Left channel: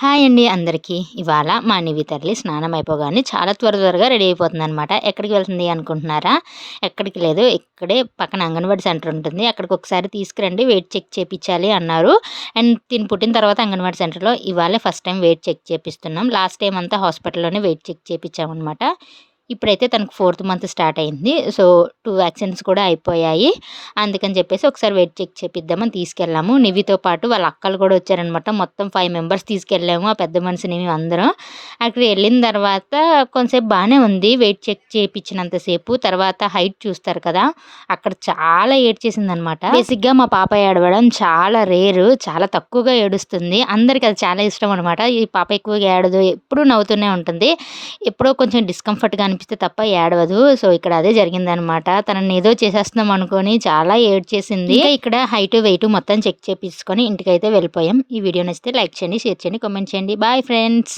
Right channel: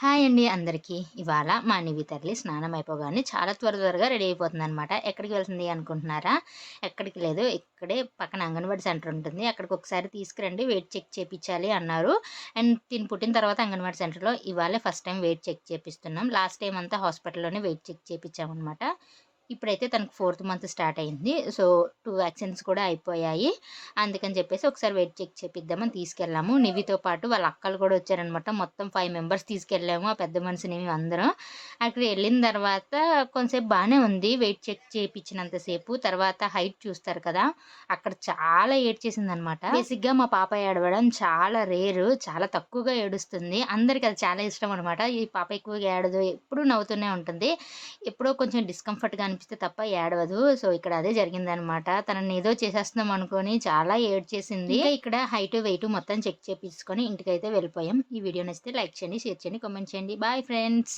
Hi అండి అందరికీ. ఇవాళ మా నివి తల్లి స్నానం అయిపోగానే చాలా త్వరగా రెడీ అయిపోతుందనమాట. ఎక్కడికి వెళ్తుంది అనుకుంటున్నారా? ఎక్కడికి లేదు. ఇక్కడే పక్కన అంగన్వాడీ సెంటర్ ఉంటుంది. అక్కడికి ఒకసారి తీసుకురండి వెయిట్ చెక్ చేపిచ్చాలి అన్నారు. అండ్ తిను పుట్టిన తర్వాత అంగన్వాడీ సెంటర్‌లో ఇవాళే ఫస్ట్ టైం వెయిట్ చెక్ చేపిస్తున్నాం. లాస్ట్ టైమ్ అంతా హాస్పిటల్‌లోనే వెయిట్ చెక్ చేపిచ్చామనమాట. ఇప్పుడైతే తనకు ఫోర్త్ మంత్ స్టార్ట్ అయింది. సో, 2 వ్యాక్సిన్స్ కూడా అయిపోయాయి. అందుకని చెప్పేసి ఒకసారి వెయిట్ చెక్ చేపిద్దామని తీసుకెళ్ళాము. నివితో పాటు వాళ్ళ అక్కలు కూడా వచ్చారనమాట. మొత్తం 5 మెంబర్స్ తీసుకెళ్ళాము. ఆ పెద్ద మనిషిని మేమందరం. అక్కడికి వెళ్ళిన తర్వాత కొంతసేపు బానే ఉంది. వెయిట్ చెక్ చేపిచ్చినంత సేపు. తర్వాత హైట్ చూస్తారు కదా! అక్కడ చాలా ఏడ్చేసిందనమాట. బేసిక్‌గా మా పాప ఏడవడం చాలా రేరు. చాలా తక్కువగా ఏడుస్తుంది. అందరికి అది చాలా ఇష్టం అనమాట. ఈ పాప ఎక్కువగా ఏడదు. ఎప్పుడూ నవ్వుతూనే ఉంటుంది. ఎప్పుడో కొంచెం డిస్కంఫర్ట్‌గా అనిపిస్తే తప్ప ఏడవదు. సో, ఇక్కడ అదే జరిగిందనమాట. తనని ఏదో చేసేస్తున్నాం అనుకోని చాలా ఏడ్చేసింది. ఇంకా ఇక్కడ హైటు, వెయిటు మొత్తం చెక్ చేపించుకొని ఇంటికైతే వెళ్ళిపోయాం. ఈ వీడియో నచ్చితే లైక్ చేయండి, షేర్ చేయండి, కామెంట్ చేయండి. Bye friends.